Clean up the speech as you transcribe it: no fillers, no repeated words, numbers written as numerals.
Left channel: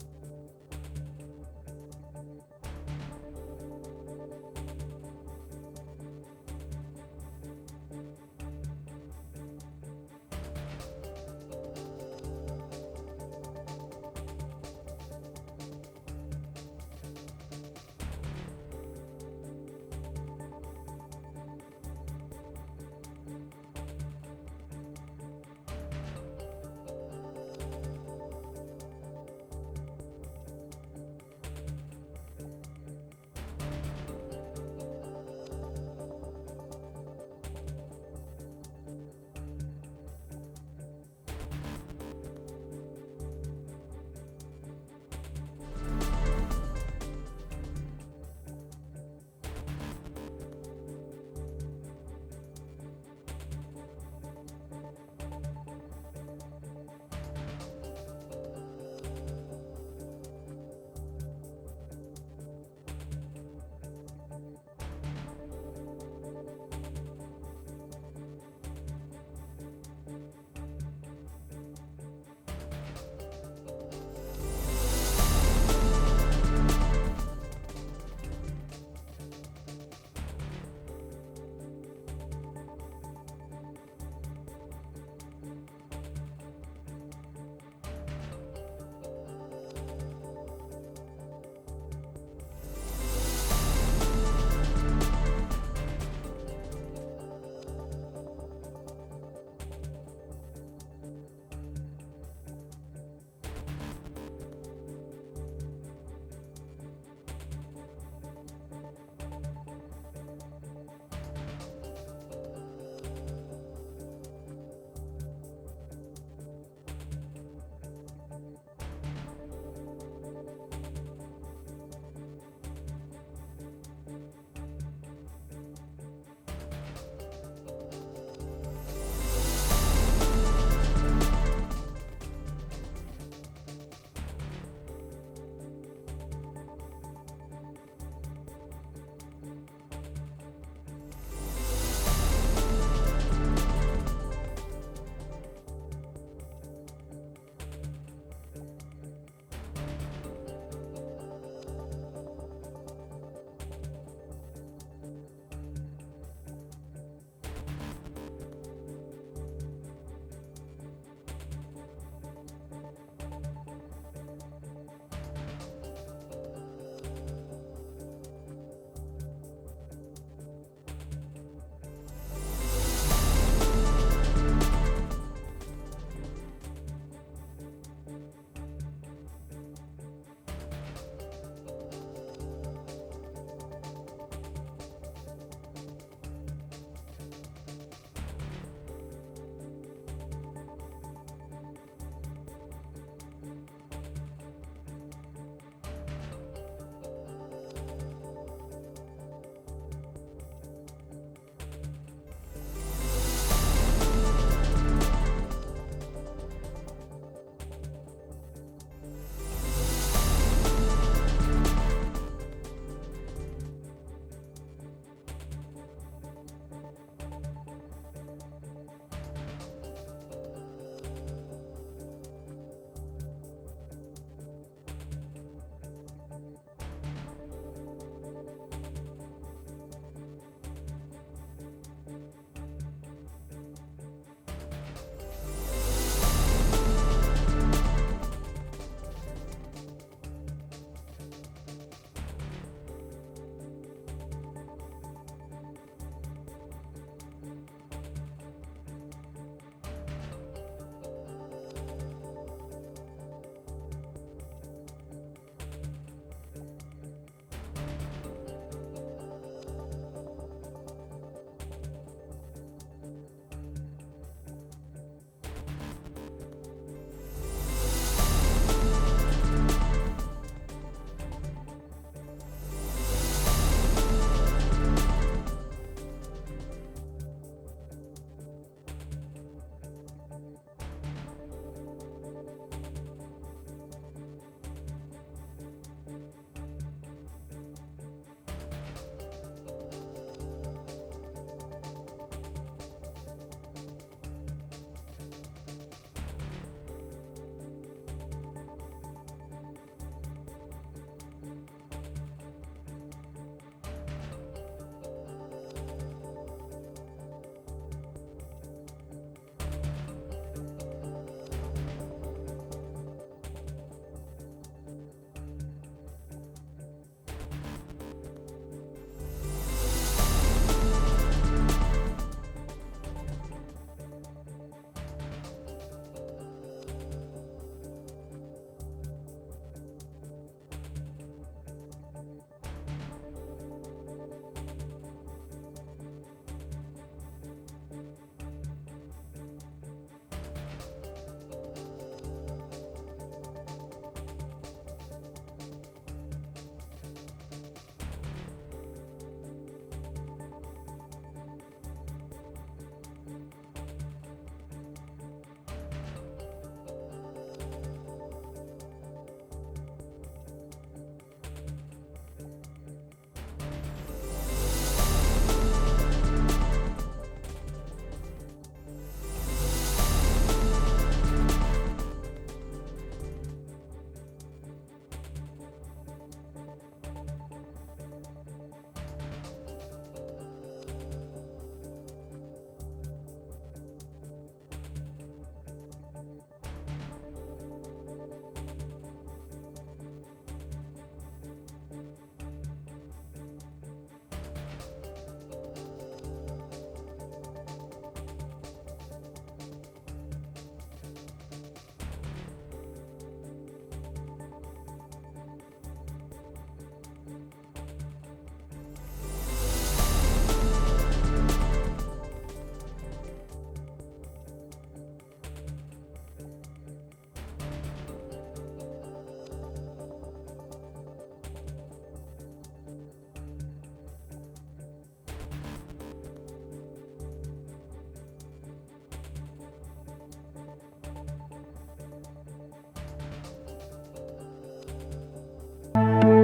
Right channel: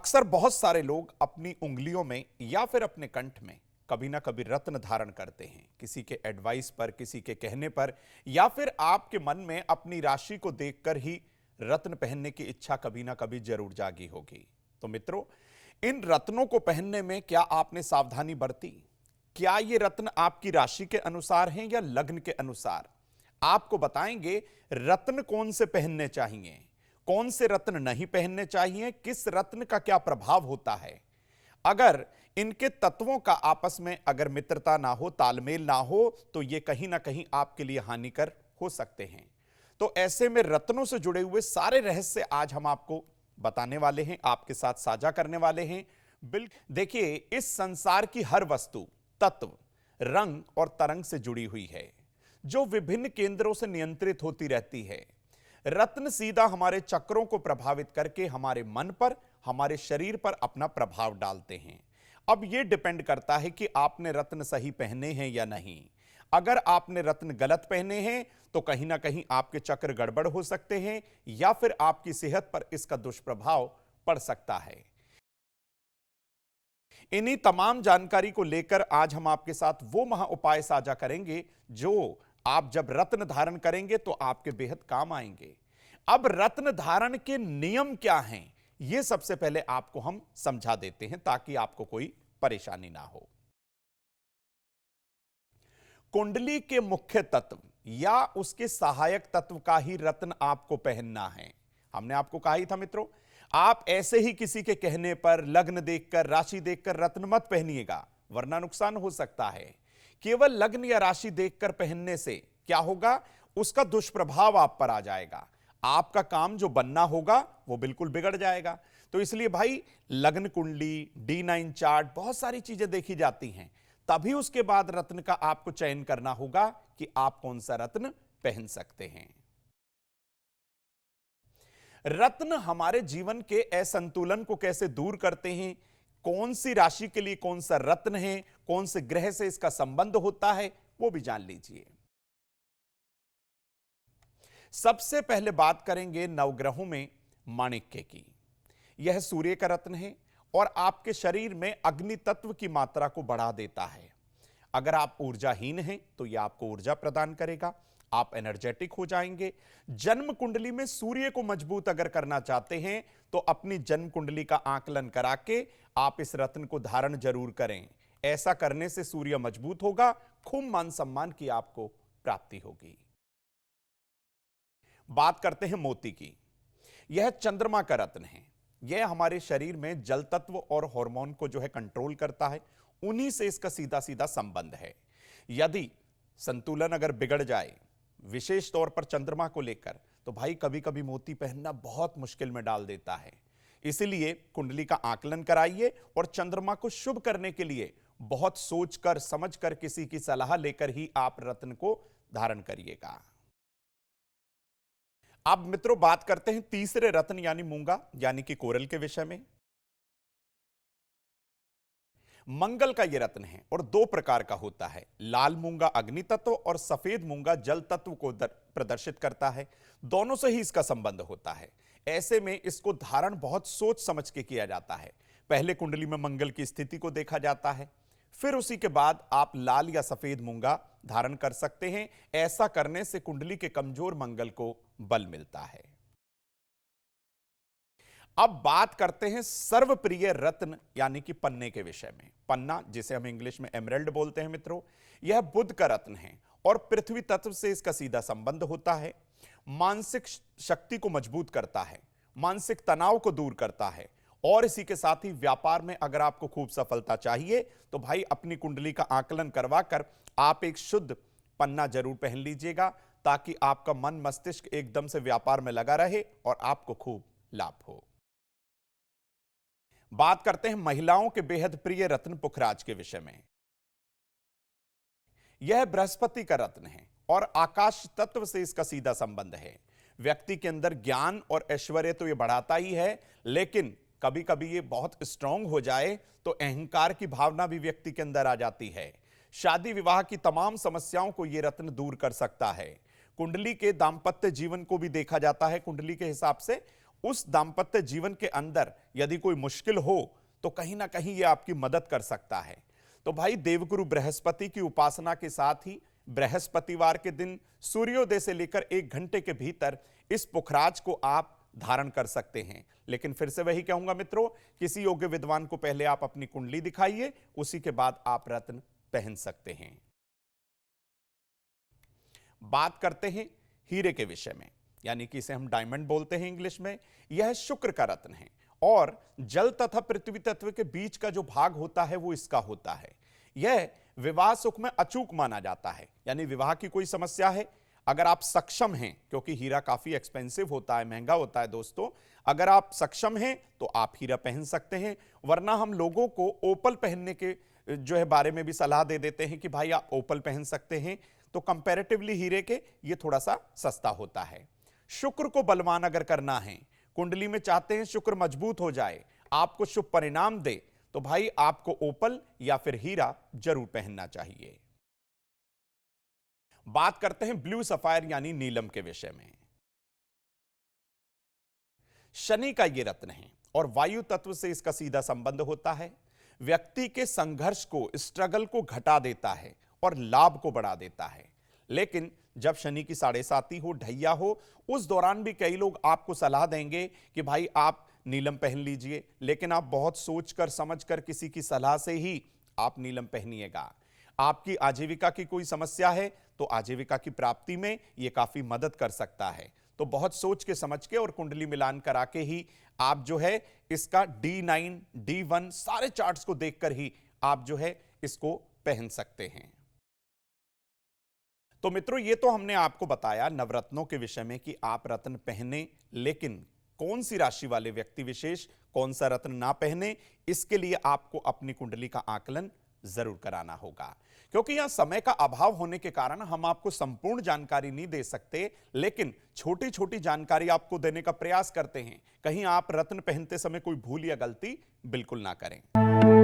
अक्सर बहुत सारे लोग अपनी उंगलियों में या फिर अपने कंठ में कभी ना कभी रत्न धारण करते हैं, किसी के एडवाइस पर, किसी के कहने पर, या फिर आपके मन में अपनी राशि को देखकर ही रत्न पहनने की इच्छा कभी ना कभी जरूर जागी होगी। तो मित्रों, इन रत्नों को पहनने में क्या आपने सावधानी बरती? क्या ये रत्न आपकी राशि के अनुसार हैं या लग्न के अनुसार? आपको बताएंगे रत्न कौन से पहनने चाहिए, कौन से रत्न नहीं पहनने चाहिए, किस रत्न का क्या प्रभाव होता है। अगर इनके तत्वों का आपस में अगर मित्रता ना हो, तालमेल ना हो, तो ये कहीं ना कहीं आपके लिए हानिकर हो सकते हैं। तो ऐसे में रत्नों से जुड़े हुए सारे रहस्य आज हम आपको बताने वाले हैं, आपके साथ साझा करने वाले हैं। बिल्कुल देखिए, इस संसार की हर वस्तु तत्व, रंग और तरंग से जुड़ी हुई है, जो विभिन्न केंद्रों से नियंत्रित होती रहती है। रत्न सीधा हमारे चक्रों को प्रभावित करके हमारे मन पर, हमारे शरीर पर अपना प्रभाव डालते हैं। अब यह डिपेंड करता है कि आपने रत्न सही पहने हैं या नहीं। अगर आपने रत्न गलत पहने हैं तो कहीं ना कहीं आपके चक्र गड़बड़ हो सकते हैं या फिर आपकी सेहत पर इसका दुष्प्रभाव पड़ सकता है। इन्हीं तमाम जानकारी को लेकर आज हम आपके साथ वो महा उपाय साझा करेंगे जो आप जब रत्न धारण करेंगे तो आपके बेहद काम आएंगे। अब रत्न धारण के नियम क्या हैं, ये सबसे पहले आपको हम समझा देते हैं ताकि आपको कोई परेशानी ना हो। कुंडली के मुख्य तत्व या उसके सहायक तत्व का ही रत्न आपको पहनना है। हमने आपको कहा ही था मित्रों, आप ऐसे ही किसी के कहने पर, लग्न देखकर, राशि देखकर रत्न मत पहनिएगा, वरना नुकसान हो सकता है। केवल लग्न या राशि देखकर पहनने से क्या होगा, उसका दुष्प्रभाव आप पर आ जाएगा। आपका काम जो बनना होगा वो बिल्कुल बिगड़ जाएगा। तो इसलिए भाई, लग्न कुंडली, D9 चार्ट, बहुत सारी चीजें देखी जाती हैं, तभी उसके बाद रत्न का आपको चयन करना होगा कि आप कौन सा रत्न पहन सकते हैं। रत्न हमारे जीवन के असंतुलन को कैसे दूर करते हैं, कौन सी राशि के लिए कौन सा रत्न है, कौन से ग्रह से इसका संबंध होता है, वो भी जान लेंगे। सबसे पहले बात करेंगे नवग्रहों में माणिक्य की। यह सूर्य का रत्न है और आपके शरीर में अग्नि तत्व की मात्रा को बढ़ा देता है। अगर आप ऊर्जाहीन हैं तो यह आपको ऊर्जा प्रदान करेगा, आप एनर्जेटिक हो जाएंगे। जन्म कुंडली में सूर्य को मजबूत अगर करना चाहते हैं तो अपनी जन्म कुंडली का आकलन करा के आप इस रत्न को धारण जरूर करें। ऐसा करने से सूर्य मजबूत होगा, खूब मान सम्मान की आपको प्राप्ति होगी। बात करते हैं मोती की। यह चंद्रमा का रत्न है। यह हमारे शरीर में जल तत्व और हार्मोन को जो है कंट्रोल करता है, उन्हीं से इसका सीधा सीधा संबंध है। यदि संतुलन अगर बिगड़ जाए, विशेष तौर पर चंद्रमा को लेकर, तो भाई कभी कभी मोती पहनना बहुत मुश्किल में डाल देता है। इसलिए कुंडली का आकलन कराइए और चंद्रमा को शुभ करने के लिए बहुत सोचकर समझकर किसी की सलाह लेकर ही आप रत्न को धारण करिएगा। अब मित्रों, बात करते हैं तीसरे रत्न यानी मूंगा यानी कि कोरल के विषय में। मंगल का यह रत्न है और दो प्रकार का होता है। लाल मूंगा अग्नि तत्व और सफेद मूंगा जल तत्व को प्रदर्शित करता है। दोनों से ही इसका संबंध होता है। ऐसे में इसको धारण बहुत सोच समझ के किया जाता है। पहले कुंडली में मंगल की स्थिति को देखा जाता है, फिर उसी के बाद आप लाल या सफेद मूंगा धारण कर सकते हैं। ऐसा करने से कुंडली के कमजोर मंगल को बल मिलता है। अब बात करते हैं सर्वप्रिय रत्न यानी कि पन्ने के विषय में। पन्ना, जिसे हम इंग्लिश में एमरल्ड बोलते हैं मित्रों, यह बुध का रत्न है और पृथ्वी तत्व से इसका सीधा संबंध होता है। मानसिक शक्ति को मजबूत करता है, मानसिक तनाव को दूर करता है और इसी के साथ ही व्यापार में अगर आपको खूब सफलता चाहिए तो भाई अपनी कुंडली का आकलन करवा कर आप एक शुद्ध पन्ना जरूर पहन लीजिएगा, ताकि आपका मन मस्तिष्क एकदम से व्यापार में लगा रहे और आपको खूब लाभ। बात करते हैं महिलाओं के बेहद प्रिय रत्न पुखराज के विषय में। यह बृहस्पति का रत्न है और आकाश तत्व से इसका सीधा संबंध है। व्यक्ति के अंदर ज्ञान और ऐश्वर्य तो ये बढ़ाता ही है, लेकिन कभी कभी ये बहुत स्ट्रांग हो जाए तो अहंकार की भावना भी व्यक्ति के अंदर आ जाती है। शादी विवाह की तमाम समस्याओं को ये रत्न दूर कर सकता है। कुंडली के दाम्पत्य जीवन को भी देखा जाता है। कुंडली के हिसाब से उस दाम्पत्य जीवन के अंदर यदि कोई मुश्किल हो तो कहीं ना कहीं ये आपकी मदद कर सकता है। तो भाई देवगुरु बृहस्पति की उपासना के साथ ही बृहस्पतिवार के दिन सूर्योदय से लेकर 1 घंटे के भीतर इस पुखराज को आप धारण कर सकते हैं। लेकिन फिर से वही कहूंगा मित्रों, किसी योग्य विद्वान को पहले आप अपनी कुंडली दिखाइए, उसी के बाद आप रत्न पहन सकते हैं। बात करते हैं हीरे के विषय में, यानी कि इसे हम डायमंड बोलते हैं इंग्लिश में। यह शुक्र का रत्न है और जल तथा पृथ्वी तत्व के बीच का जो भाग होता है वो इसका होता है। यह विवाह सुख में अचूक माना जाता है, यानी विवाह की कोई समस्या है, अगर आप सक्षम हैं, क्योंकि हीरा काफी एक्सपेंसिव होता है, महंगा होता है दोस्तों, अगर आप सक्षम हैं तो आप हीरा पहन सकते हैं। वरना हम लोगों को ओपल पहनने के जो है बारे में भी सलाह दे देते हैं कि भाई आप ओपल पहन सकते हैं, तो कंपैरेटिवली हीरे के ये थोड़ा सा सस्ता होता है। शुक्र को बलवान अगर करना है, कुंडली में चाहते हैं शुक्र मजबूत हो जाए, आपको शुभ परिणाम दे, तो भाई आपको ओपल या फिर हीरा जरूर पहनना चाहिए। बात करते हैं ब्लू सफायर यानी नीलम के विषय में। शनि का ये रत्न है और वायु तत्व से इसका सीधा संबंध होता है। व्यक्ति के संघर्ष को, स्ट्रगल को घटा देता है और लाभ को बढ़ा देता है। लेकिन जब शनि की 7.5 हो, ढैया हो, उस दौरान भी कई लोग आपको सलाह देंगे कि भाई आप नीलम पहन लीजिए, लेकिन आप बहुत सोचकर समझकर किसी की सलाह से ही आप नीलम पहनिएगा। आपकी आजीविका की कोई समस्या है तो आजीविका की प्राप्ति में ये काफी मदद कर सकता है। तो बहुत सोच के समझ के और कुंडली मिलान करा के ही आप जो है इसका D9, D1 सारे चार्ट्स को देखकर ही आप जो है इसको पहन सकते हैं। तो मित्रों, ये तो हमने आपको बताया नवरत्नों के विषय में कि आप रत्न पहने, लेकिन कौन सी राशि वाले व्यक्ति विशेष कौन सा रत्न ना पहने, इसके लिए आपको अपनी कुंडली का आकलन जरूर कराना होगा। क्योंकि यहां समय का अभाव होने के कारण हम आपको संपूर्ण जानकारी नहीं दे सकते, लेकिन छोटी छोटी जानकारी आपको देने का प्रयास करते हैं। कहीं आप रत्न पहनते समय कोई भूल या गलती बिल्कुल ना करें।